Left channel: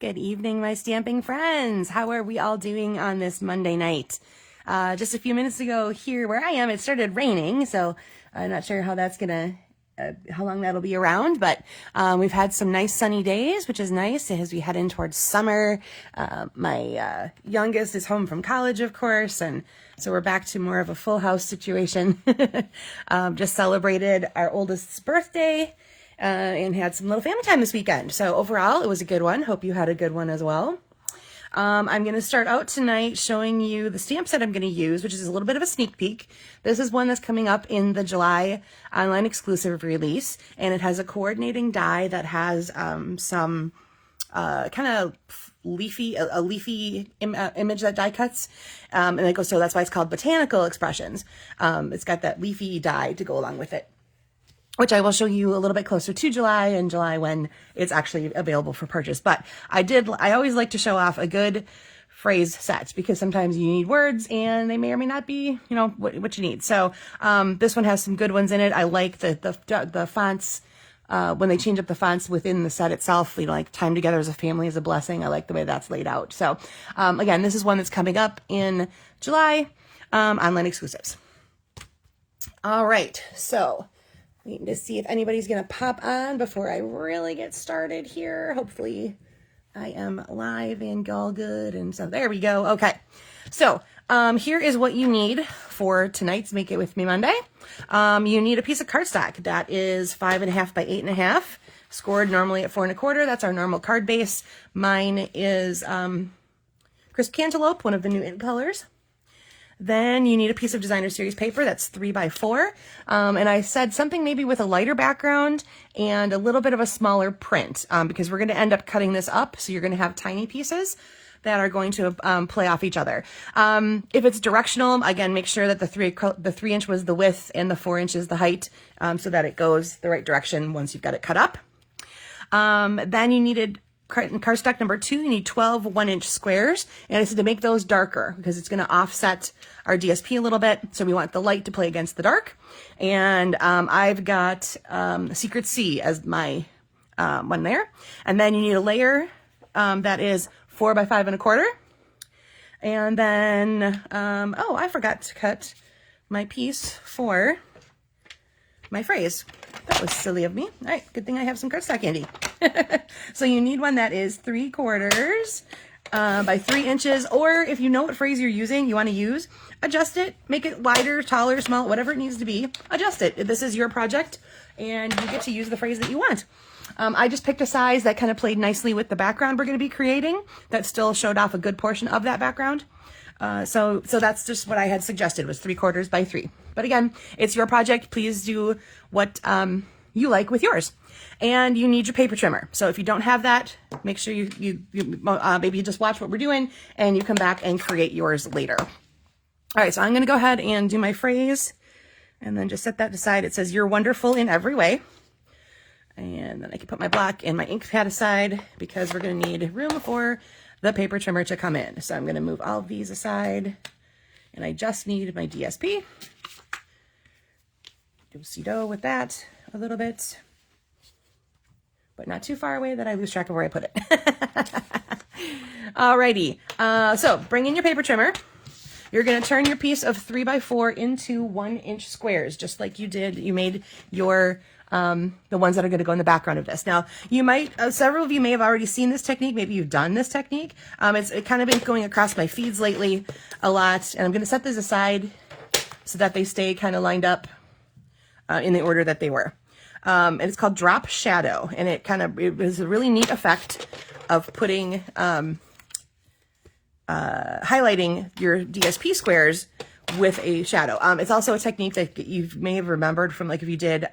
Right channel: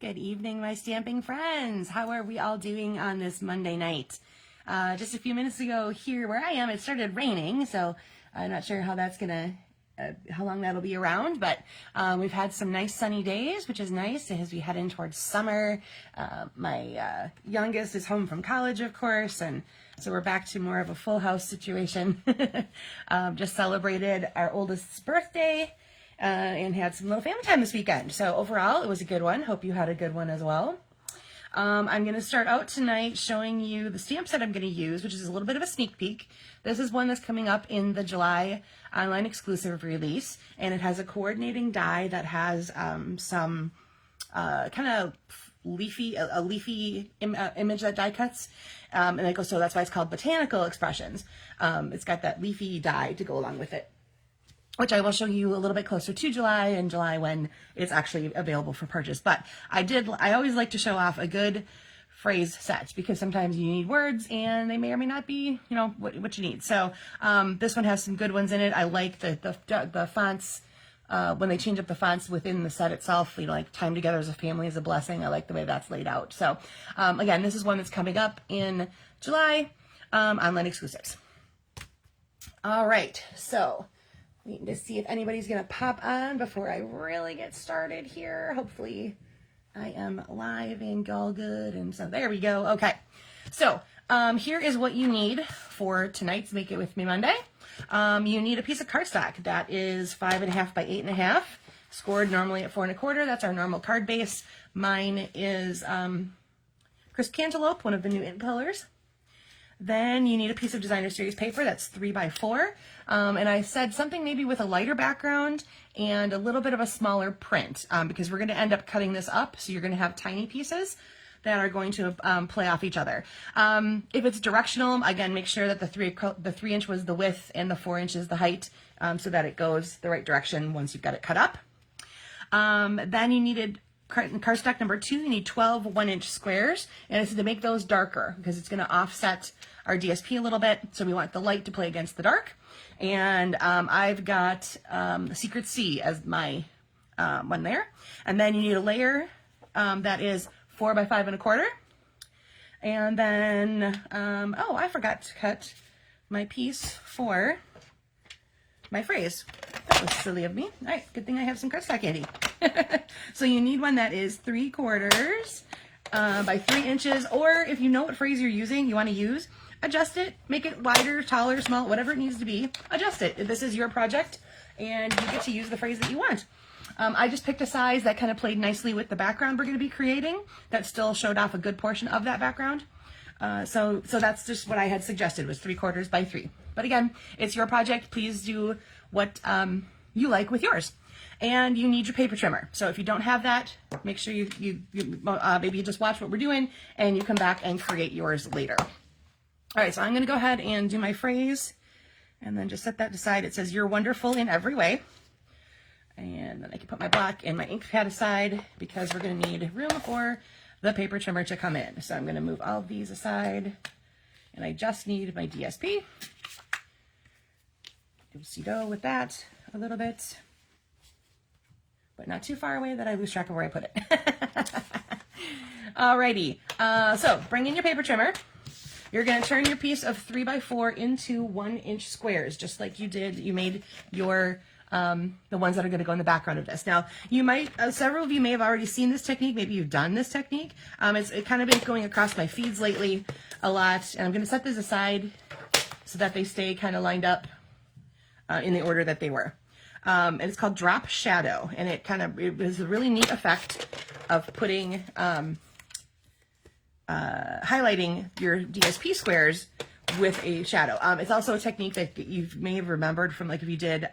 Good evening, my stamping friends. How are we all doing on this Monday night? Just a few minutes ago here where I am, it started raining, so I'm not sure how that's how long that'll be around, but we've had some nice sunny days, which is nice as we head in towards summer. My youngest is home from college, of course, and so we're back to more of a full house situation. Just celebrated our oldest's birthday. And had some little family time this weekend. So overall, it was a good one. Hope you had a good one as well. I'm going to start out tonight showing you the stamp set I'm going to use, which is a little bit of a sneak peek. This is one that's coming up in the July online exclusive release, and it has a coordinating die that has some kind of leafy image that die cuts, and it goes, so that's why it's called Botanical Expressions. It's got that leafy die to go along with it, which I will show you a little bit closer to July when it's actually available for purchase. But I always like to show off a good phrase set because sometimes you need words and they may or may not be, what you need. So this one has some good ones in it. I like the fonts, when they change up the fonts within the set itself, like Time Together as a Family is a Blessing. I like the way that's laid out. So again, this is one that's coming up in July, online exclusives. All right, so waiting to see if anybody's going to pop on before I really get started here. Hopefully I am live and all good. And so there we go. Okay. So here is what you need for tonight's Make It With Me Monday. You need a piece of cardstock that is 5.5 by 8.5, scored normally at 4 1/4. That's our normal card base. Mine is Crisp Cantaloupe, one of the new ink colors. Then you need a piece of designer series paper that's 3 by 4. And I said something maybe with a lighter background and a little bit of a smaller print, because we're going to end up cutting this up. So you're going to have tiny pieces that are going to play off each other. If it's directional, again, make sure that the 3 inch was the width and the 4 inches the height, so that it goes the right direction once you've got it cut up. Then you needed cardstock number 2, you need 12 1-inch squares, and this is to make those darker because it's going to offset our DSP a little bit, so we want the light to play against the dark. And I've got Secret Sea as my one there. And then you need a layer that is 4 by 5 1/4. And then, oh, I forgot to cut my piece for my phrase. That was silly of me. All right, good thing I have some cardstock handy. So you need one that is 3/4 by 3 inches, or if you know what phrase you're using, you want to use, adjust it, make it wider, taller, small, whatever it needs to be, adjust it. This is your project, and you get to use the phrase that you want. I just picked a size that kind of played nicely with the background we're going to be creating, that still showed off a good portion of that background. So that's just what I had suggested, was 3/4 by 3. But again, it's your project. Please do what you like with yours. And you need your paper trimmer. So if you don't have that, make sure you maybe just watch what we're doing and you come back and create yours later. All right, so I'm going to go ahead and do my phrase and then just set that aside. It says, "You're wonderful in every way." And then I can put my black and my ink pad aside because we're going to need room for the paper trimmer to come in. So I'm going to move all of these aside, and I just need my DSP. Do-si-do with that a little bit, but not too far away that I lose track of where I put it. Alrighty, so bring in your paper trimmer. You're going to turn your piece of 3 by 4 into 1-inch squares, just like you did. You made your the ones that are going to go in the background of this. Now, you might, several of you may have already seen this technique. Maybe you've done this technique. It's kind of been going across my feeds lately a lot, and I'm going to set these aside so that they stay kind of lined up in the order that they were. And it's called Drop Shadow, and it was a really neat effect of putting highlighting your DSP squares with a shadow. It's also a technique that you may have remembered from, like, if you did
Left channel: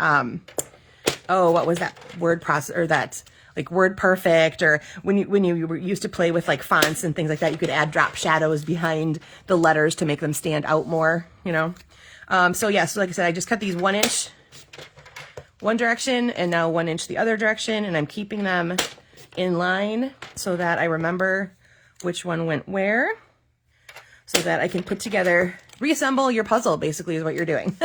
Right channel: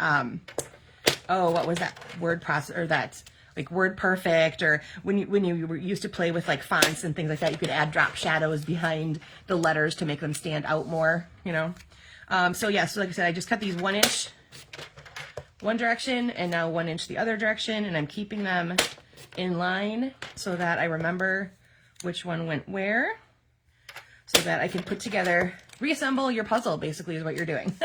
what was that word process, or that like Word Perfect, or when you were used to play with like fonts and things like that, you could add drop shadows behind the letters to make them stand out more, so yeah, so like I said, I just cut these 1 inch one direction and now 1 inch the other direction, and I'm keeping them in line so that I remember which one went where, so that I can put together, reassemble your puzzle, basically, is what you're doing.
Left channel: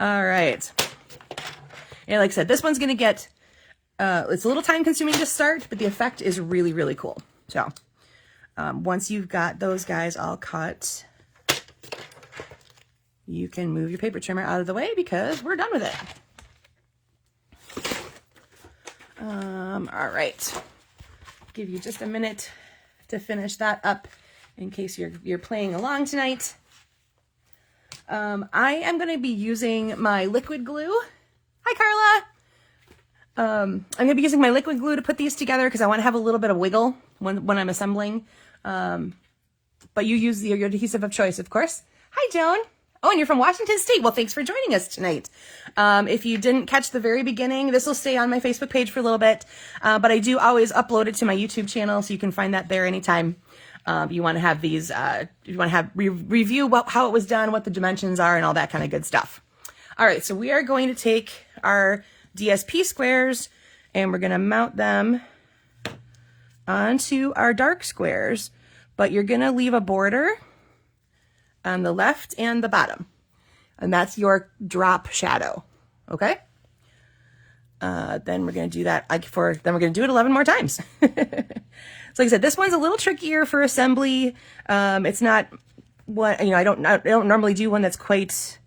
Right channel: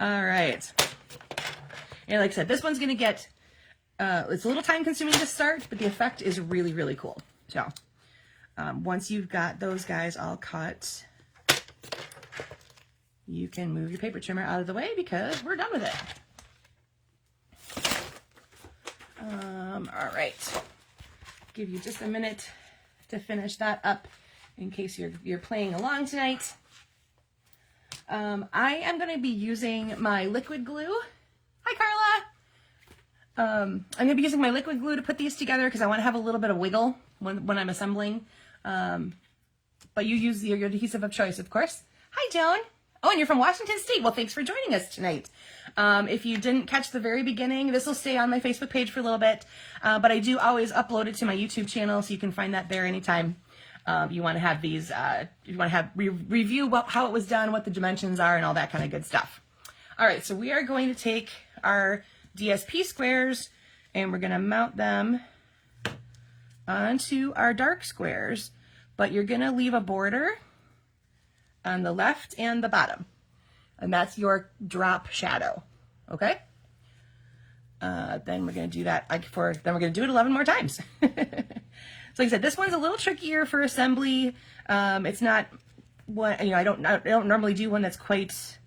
All right. And like I said, this one's going to get It's a little time consuming to start, but the effect is really, really cool. So once you've got those guys all cut, you can move your paper trimmer out of the way because we're done with it. All right, give you just a minute to finish that up in case you're playing along tonight. I am going to be using my liquid glue. Hi, Carla. I'm going to be using my liquid glue to put these together because I want to have a little bit of wiggle when I'm assembling. But you use your adhesive of choice, of course. Hi, Joan. Oh, and you're from Washington State. Well, thanks for joining us tonight. If you didn't catch the very beginning, this will stay on my Facebook page for a little bit. But I do always upload it to my YouTube channel, so you can find that there anytime. You want to have these, you want to have review how it was done, what the dimensions are, and all that kind of good stuff. All right, so we are going to take our DSP squares and we're going to mount them onto our dark squares, but you're going to leave a border on the left and the bottom, and that's your drop shadow. Okay. Then we're going to do that then we're going to do it 11 more times. So like I said, this one's a little trickier for assembly. It's not what, I don't normally do one that's quite,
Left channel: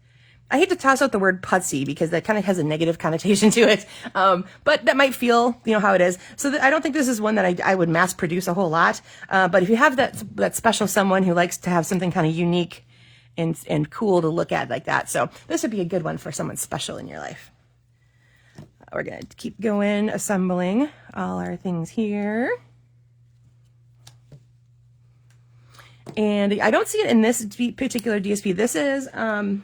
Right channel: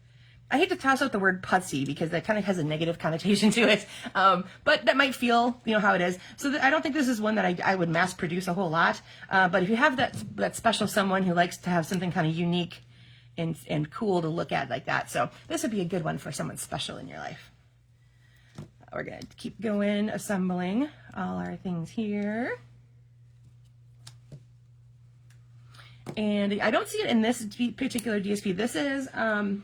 I hate to toss out the word putsy because that kind of has a negative connotation to it. But that might feel, how it is. So I don't think this is one that I would mass produce a whole lot. But if you have that special someone who likes to have something kind of unique and cool to look at like that. So this would be a good one for someone special in your life. We're going to keep going, assembling all our things here. And I don't see it in this particular DSP. This is, I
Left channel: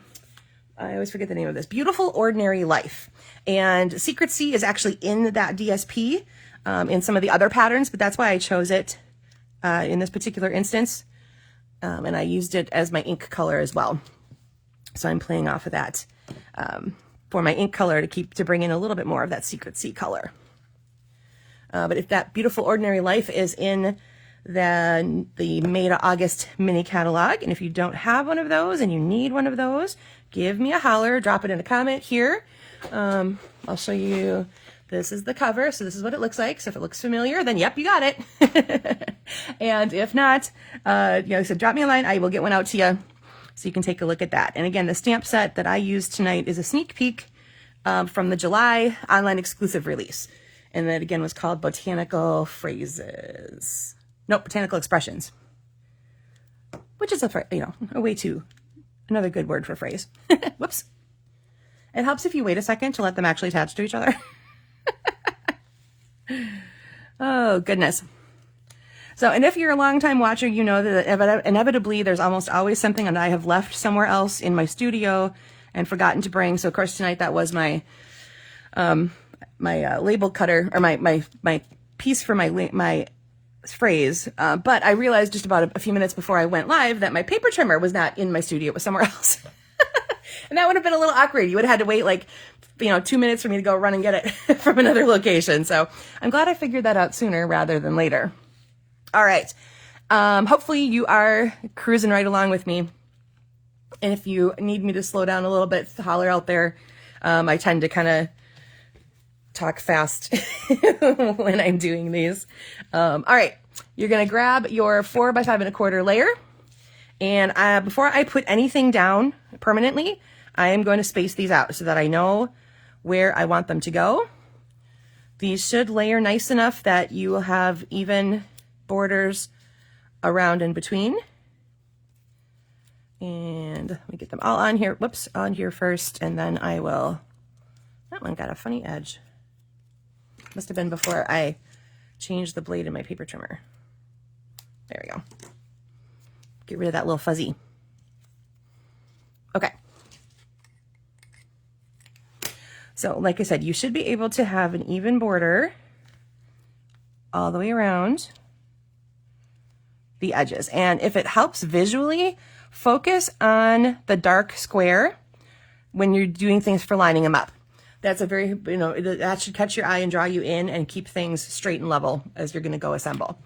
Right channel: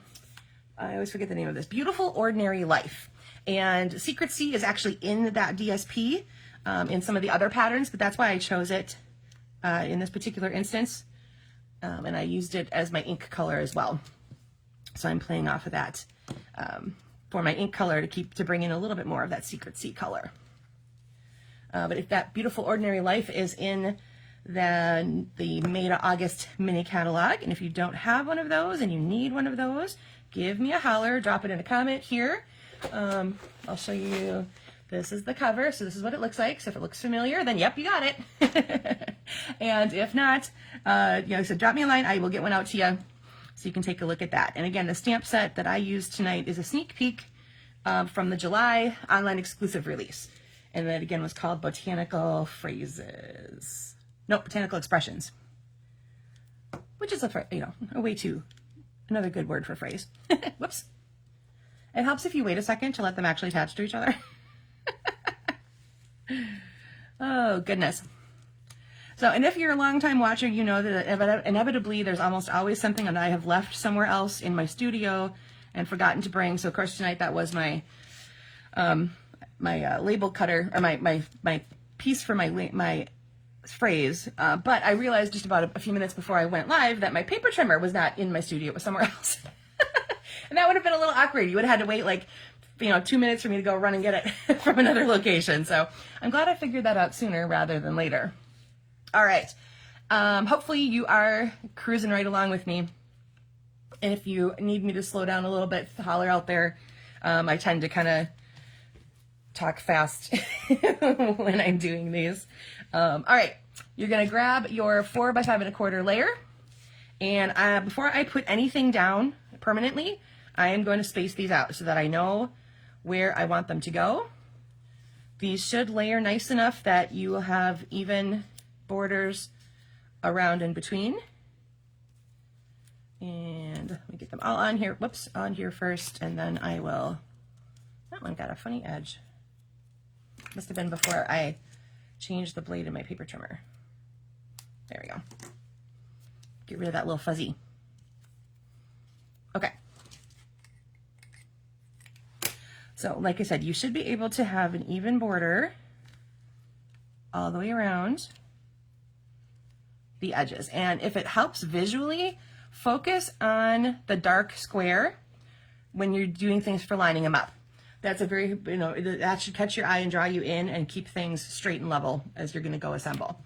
always forget the name of this, Beautiful Ordinary Life. And Secrecy is actually in that DSP in some of the other patterns, but that's why I chose it in this particular instance. And I used it as my ink color as well. So I'm playing off of that for my ink color to bring in a little bit more of that Secrecy color. But if that Beautiful Ordinary Life is in the May to August mini catalog, and if you don't have one of those and you need one of those, give me a holler, drop it in a comment here. I'll show you. This is the cover, so this is what it looks like. So if it looks familiar, then yep, you got it. And if not, so drop me a line. I will get one out to you so you can take a look at that. And again, the stamp set that I used tonight is a sneak peek from the July online exclusive release. And that again was called Botanical Phrases. Nope, Botanical Expressions, which is another good word for phrase. Whoops. It helps if you wait a second to let them actually attach to each other. Oh, goodness. So, and if you're a long-time watcher, you know that inevitably there's almost always something that I have left somewhere else in my studio and forgotten to bring. So, of course, tonight that was my label cutter, or my piece for my phrase, but I realized just about a few minutes before I went live that my paper trimmer was not in my studio, it was somewhere else. And that would have been a little awkward. You would have had to wait 2 minutes for me to go run and get it from another location. So I'm glad I figured that out sooner rather than later. All right. Hopefully you are cruising right along with me. And if you need me to slow down a little bit, holler out there. I tend to kind of talk fast when I'm doing these. All right, you're going to grab your 4 by 5 1/4 layer. And before I put anything down permanently, I am going to space these out so that I know where I want them to go. These should layer nice enough that you will have even borders around and between. And let me get them all on here. Whoops, on here first, and then I will, that one got a funny edge. Must have been before I changed the blade in my paper trimmer. There we go. Get rid of that little fuzzy. Okay. So like I said, you should be able to have an even border all the way around the edges. And if it helps visually, focus on the dark square when you're doing things for lining them up. That's a very, that should catch your eye and draw you in and keep things straight and level as you're going to go assemble.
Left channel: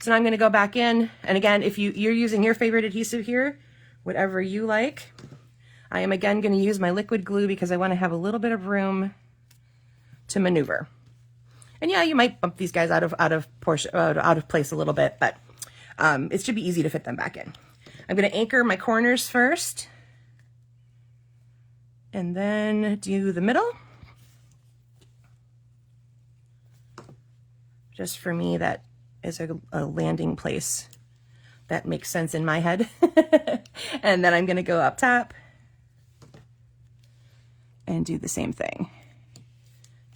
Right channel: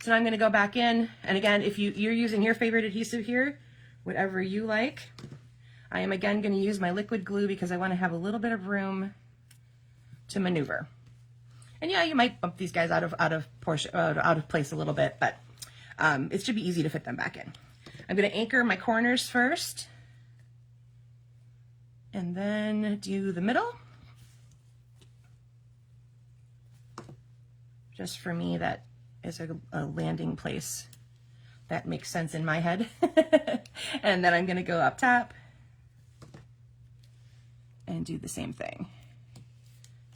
So now I'm going to go back in. And again, if you're using your favorite adhesive here, whatever you like, I am again going to use my liquid glue because I want to have a little bit of room to maneuver. And yeah, you might bump these guys out of place a little bit, but it should be easy to fit them back in. I'm going to anchor my corners first, and then do the middle. Just for me, that is a landing place that makes sense in my head. And then I'm going to go up top and do the same thing.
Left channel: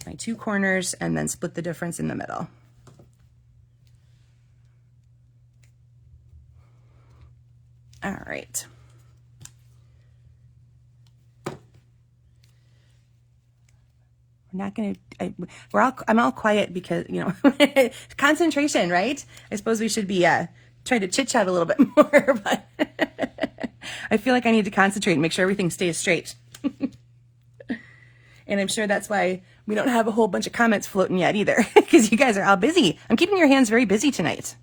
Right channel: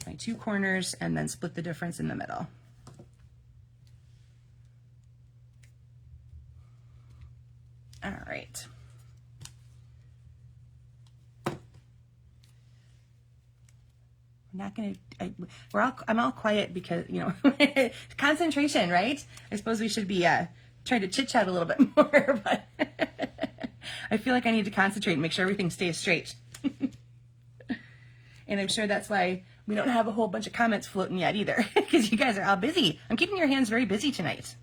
My 2 corners, and then split the difference in the middle. All right. I'm not gonna. I'm all quiet because, you know, concentration, right? I suppose we should be trying to chit chat a little bit more, but I feel like I need to concentrate and make sure everything stays straight. And I'm sure that's why we don't have a whole bunch of comments floating yet either, because you guys are all busy. I'm keeping your hands very busy tonight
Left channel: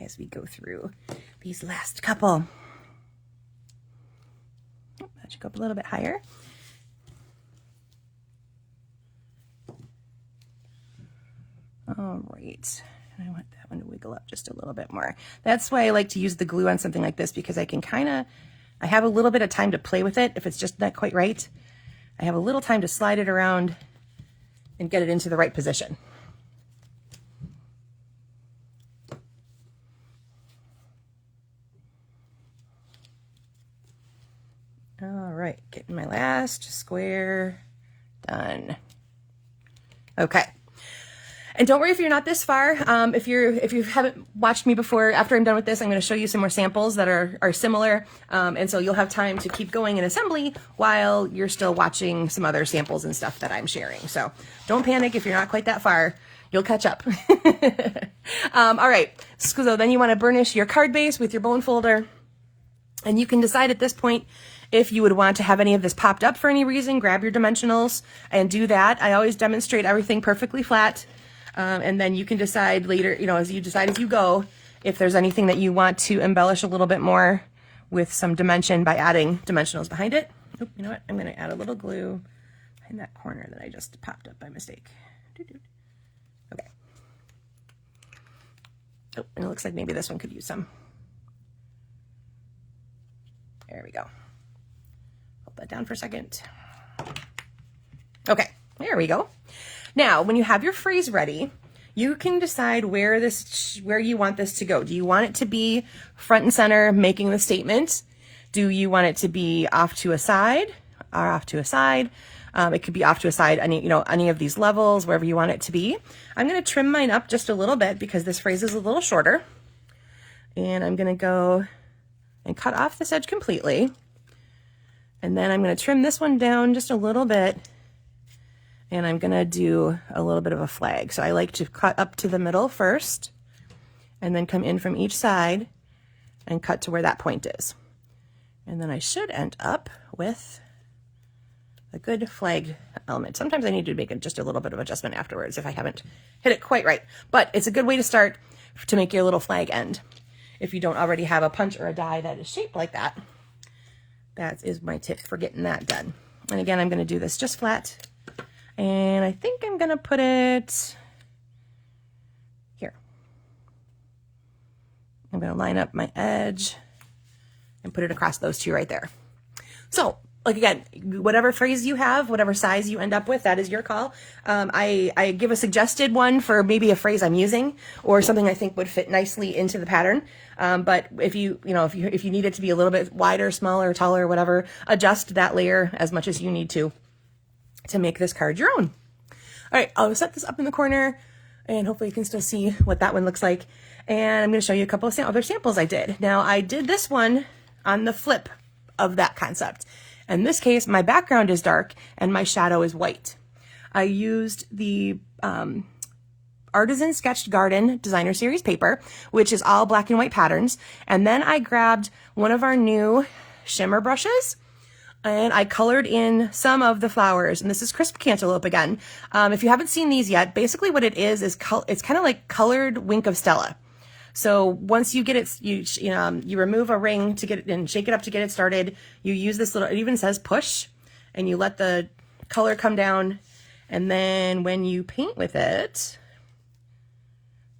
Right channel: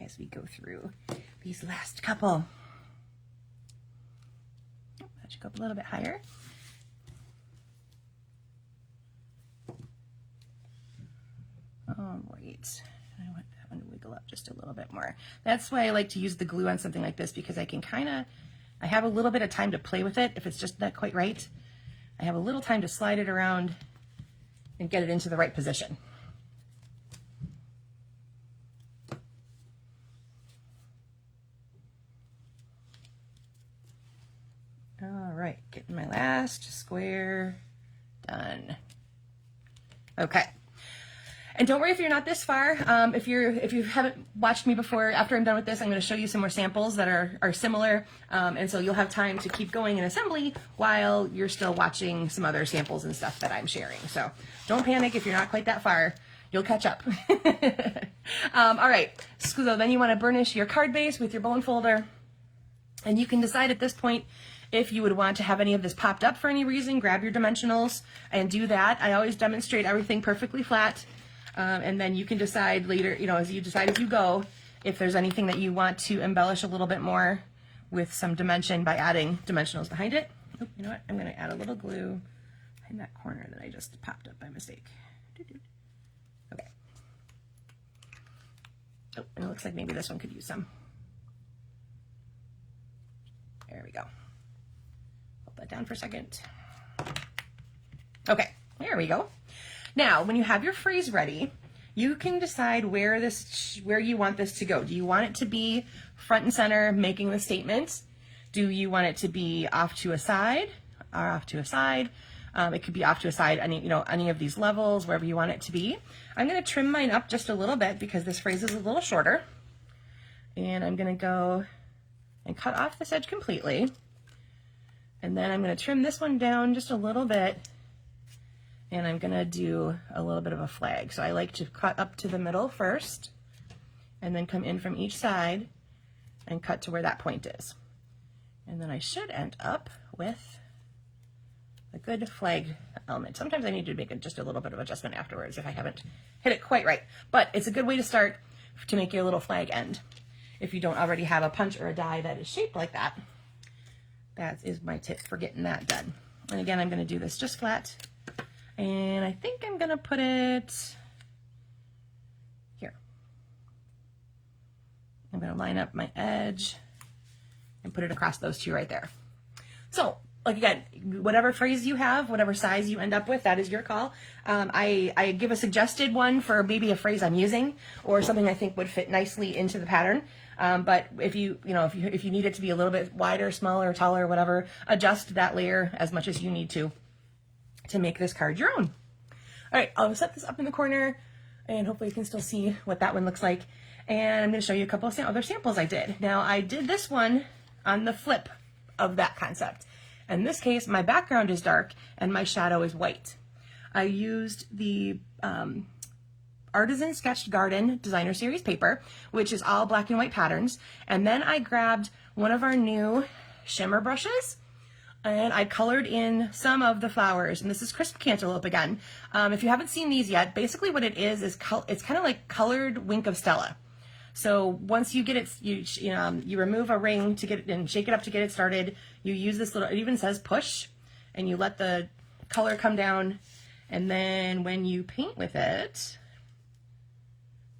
as we go through these last couple. Oh, that should go up a little bit higher. All right. I want that one to wiggle up just a little bit more. That's why I like to use the glue on something like this, because I can I have a little bit of time to play with it if it's just not quite right. I have a little time to slide it around and get it into the right position. All right, getting my last square done. Okay. And don't worry if you're not this far. If you haven't watched me before, after I'm done with this, I'm going to show you some more samples that are similar. And so you'll have time to keep going in assembly while you're still watching some other samples and stuff that I'm sharing. So don't panic if you're not quite that far. You'll catch up. All right. So then you want to burnish your card base with your bone folder. And you can decide at this point if you would want to have any of this popped up for any reason. Grab your dimensionals and do that. I always demonstrate everything perfectly flat. And then you can decide later, you know, as you decide as you go, if there's anything that you want to embellish a little bit more with some dimension by adding dimensionals behind it. Oop, you know what? I'm going to add a little glue in that corner that I just popped up by mistake. Okay. Oh, and it looks like maybe this one could use some. There we go. Hold that down for a second. Okay, there we go. Now, when you have your phrase ready, you can decide where you want this to go. Do you want it to be front and center, making the statement? Do you want it to be off to a side or off to a side? It could be off to a side, any of these levels, wherever you want it to be. I'm going to trim mine up just a little bit because this phrase is a little shorter. And I'm going to go and cut off this edge completely. And then I'm going to trim this one down just a little bit. And I'm going to do a little bit of a flag. So I like to cut up to the middle first and then come in from each side and cut to where that point is. And then I should end up with a good flag element. Sometimes I need to make just a little bit of adjustment afterwards if I haven't hit it quite right. But it's a good way to start to make your little flag end. If you don't already have a punch or a die that is shaped like that, that is my tip for getting that done. And again, I'm going to do this just flat. And I think I'm going to put it here. I'm going to line up my edge and put it across those two right there. So, like again, whatever phrase you have, whatever size you end up with, that is your call. I give a suggested one for maybe a phrase I'm using or something I think would fit nicely into the pattern. But if you need it to be a little bit wider, smaller, taller, whatever, adjust that layer as much as you need to make this card your own. All right, I'll set this up in the corner and hopefully you can still see what that one looks like. And I'm going to show you a couple of other samples I did. Now I did this one on the flip of that concept. In this case, my background is dark and my shadow is white. I used the Artisan Sketched Garden Designer Series paper, which is all black and white patterns. And then I grabbed one of our new shimmer brushes and I colored in some of the flowers. And this is Crisp Cantaloupe again. If you haven't seen these yet, basically what it is it's kind of like colored Wink of Stella. So once you get it, you remove a ring to get it and shake it up to get it started. You use this little, it even says push, and you let the color come down And then when you paint with it,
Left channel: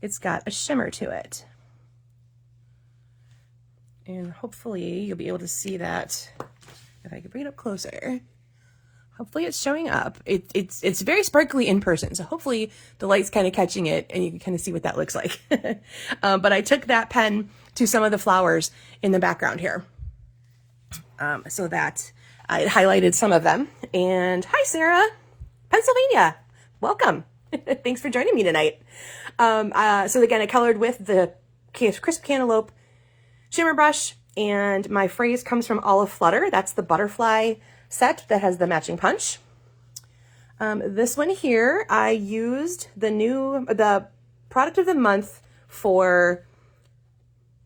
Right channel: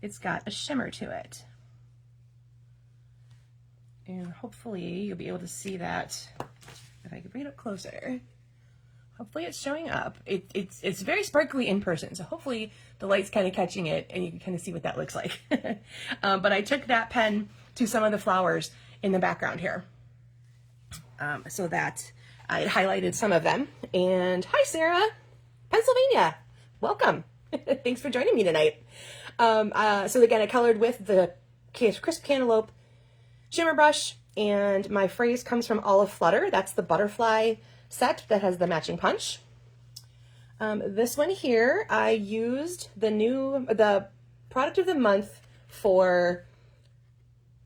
it's got a shimmer to it. And hopefully you'll be able to see that if I can bring it up closer. Hopefully it's showing up. It's very sparkly in person, so hopefully the light's kind of catching it and you can kind of see what that looks like. But I took that pen to some of the flowers in the background here, so that I highlighted some of them. And hi, Sarah, Pennsylvania. Welcome. Thanks for joining me tonight. So again, I colored with the Crisp Cantaloupe shimmer brush, and my phrase comes from Olive Flutter. That's the butterfly set that has the matching punch. This one here, I used the product of the month for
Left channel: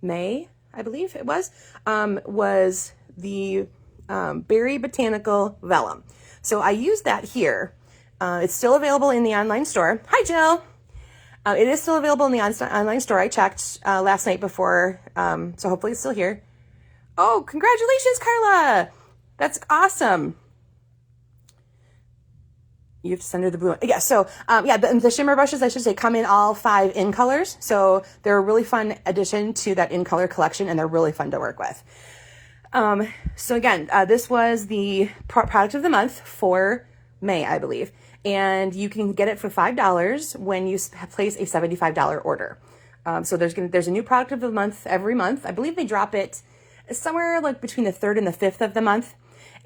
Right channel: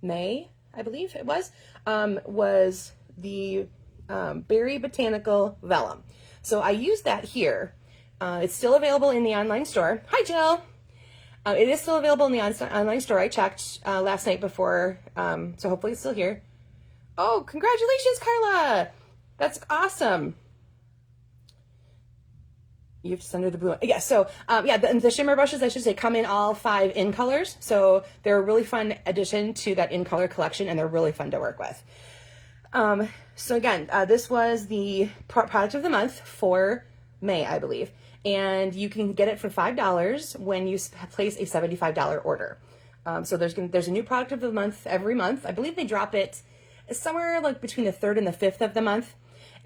May, I believe it was the Berry Botanical Vellum. So I used that here. It's still available in the online store. Hi, Jill. It is still available in the online store. I checked last night before, so hopefully it's still here. Oh, congratulations, Carla. That's awesome. You have to send her the blue one. Yeah, so yeah, the shimmer brushes, I should say, come in all 5 in colors. So they're a really fun addition to that in color collection, and they're really fun to work with. So again, this was the product of the month for May, I believe. And you can get it for $5 when you place a $75 order. So there's a new product of the month every month. I believe they drop it somewhere like between the 3rd and the 5th of the month.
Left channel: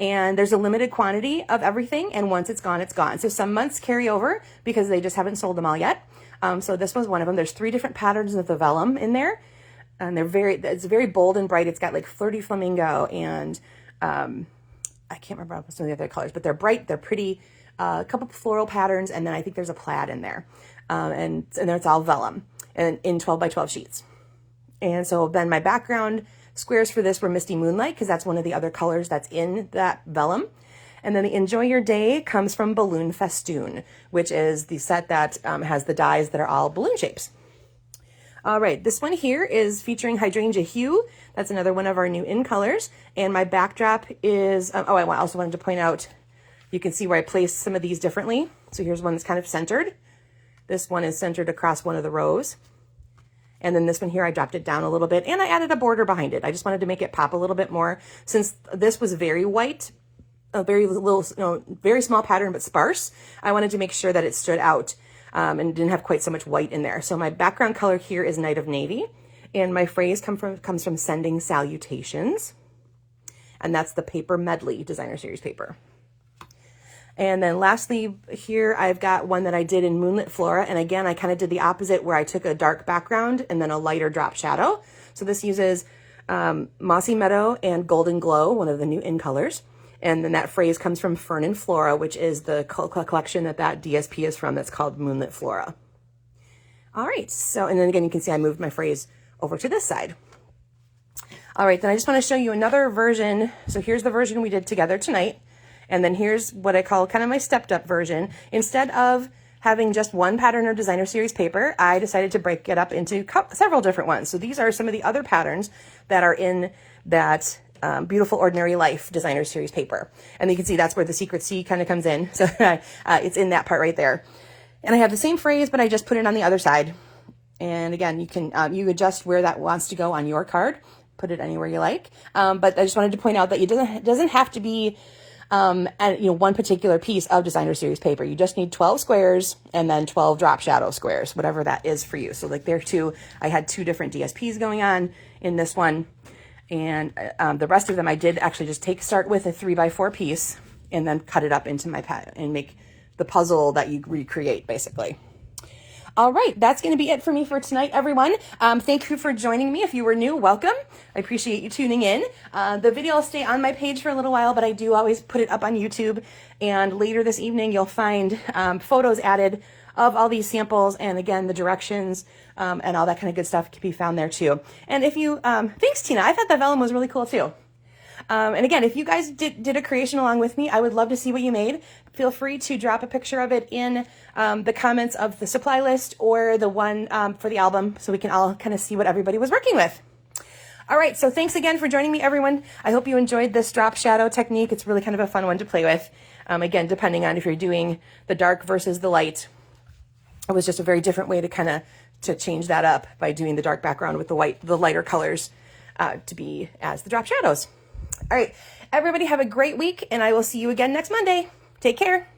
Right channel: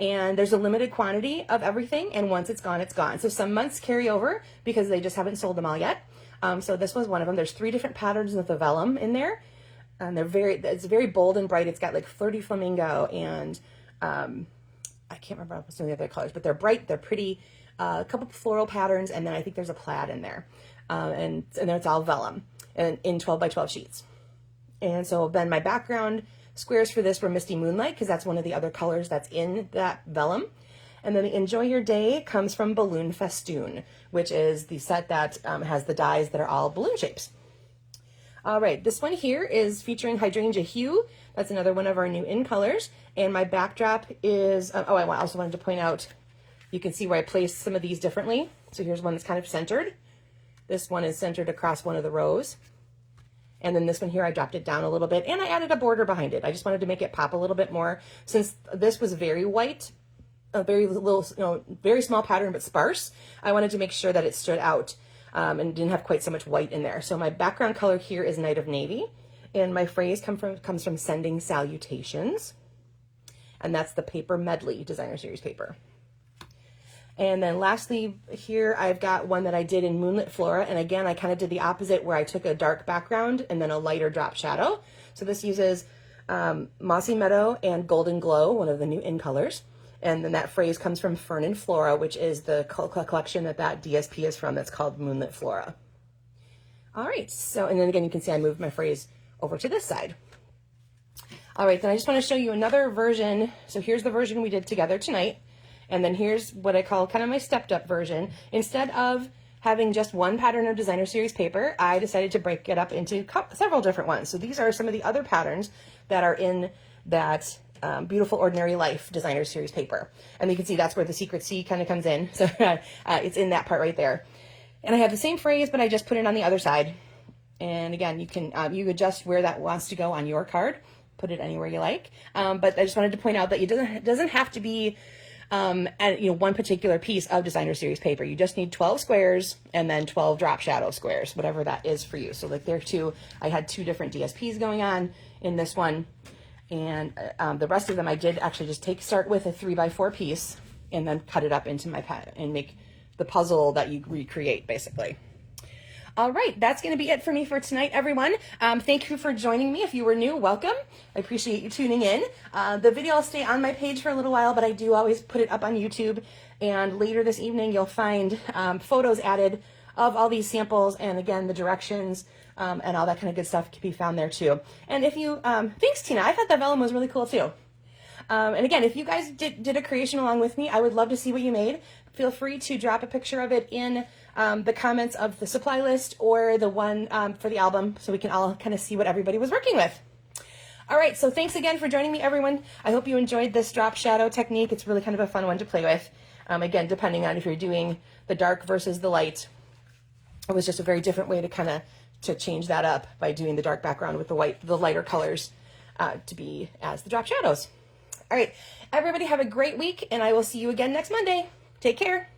And there's a limited quantity of everything, and once it's gone, it's gone. So some months carry over because they just haven't sold them all yet. So this was one of them. There's 3 different patterns of the vellum in there, and it's very bold and bright. It's got like Flirty Flamingo and I can't remember some of the other colors, but they're bright, they're pretty. A couple floral patterns, and then I think there's a plaid in there, and then it's all vellum and in 12 by 12 sheets. And so then my background squares for this were Misty Moonlight, because that's one of the other colors that's in that vellum. And then the Enjoy Your Day comes from Balloon Festoon, which is the set that has the dies that are all balloon shapes. All right, this one here is featuring Hydrangea Hue. That's another one of our new in colors. And my backdrop is, I also wanted to point out, you can see where I placed some of these differently. So here's one that's kind of centered. This one is centered across one of the rows. And then this one here, I dropped it down a little bit and I added a border behind it. I just wanted to make it pop a little bit more. Since this was very white, a very little, very small pattern, but sparse, I wanted to make sure that it stood out and didn't have quite so much white in there. So my background color here is Night of Navy, and my phrase comes from Sending Salutations. And that's the Paper Medley Designer Series paper. And then lastly here, I've got one that I did in Moonlit Flora. And again, I kind of did the opposite, where I took a dark background and then a lighter drop shadow. So this uses Mossy Meadow and Golden Glow, one of the new in colors. And then that phrase comes from Fern and Flora, which is the collection that DSP is from. It's called Moonlit Flora. All right, so, and then again, you can see I moved my phrase over to this side. All right, then I just want to show you another version. So here's the version we did together tonight. And then here's what I call kind of my stepped up version. Instead of having just one pattern of Designer Series paper, I decided to break it up into several different ones. So these are some of the other patterns that are in that Beautiful Ordinary Life Designer Series paper. And you can see that's where the Secret C kind of comes in. So it's in that part right there. And I have the same phrase, but I just put it on the other side. And again, you can you adjust where that wants to go on your card. Put it anywhere you like. But I just wanted to point out that it doesn't have to be one particular piece of Designer Series paper. You just need 12 squares and then 12 drop shadow squares, whatever that is for you. So like there too, I had 2 different DSPs going on in this one. And the rest of them, I did actually just start with a 3x4 piece and then cut it up into my pattern and make the puzzle that you recreate, basically. All right, that's going to be it for me for tonight, everyone. Thank you for joining me. If you were new, welcome. I appreciate you tuning in. The video will stay on my page for a little while, but I do always put it up on YouTube. And later this evening, you'll find photos added of all these samples, and again, the directions and all that kind of good stuff can be found there too. And if you, thanks, Tina. I thought that vellum was really cool too. And again, if you guys did a creation along with me, I would love to see what you made. Feel free to drop a picture of it in the comments of the supply list or the one for the album, so we can all kind of see what everybody was working with. All right, so thanks again for joining me, everyone. I hope you enjoyed this drop shadow technique. It's really kind of a fun one to play with. Again, depending on if you're doing the dark versus the light, it was just a very different way to kind of to change that up by doing the dark background with the lighter colors to be as the drop shadows. All right, everybody have a great week, and I will see you again next Monday. Take care.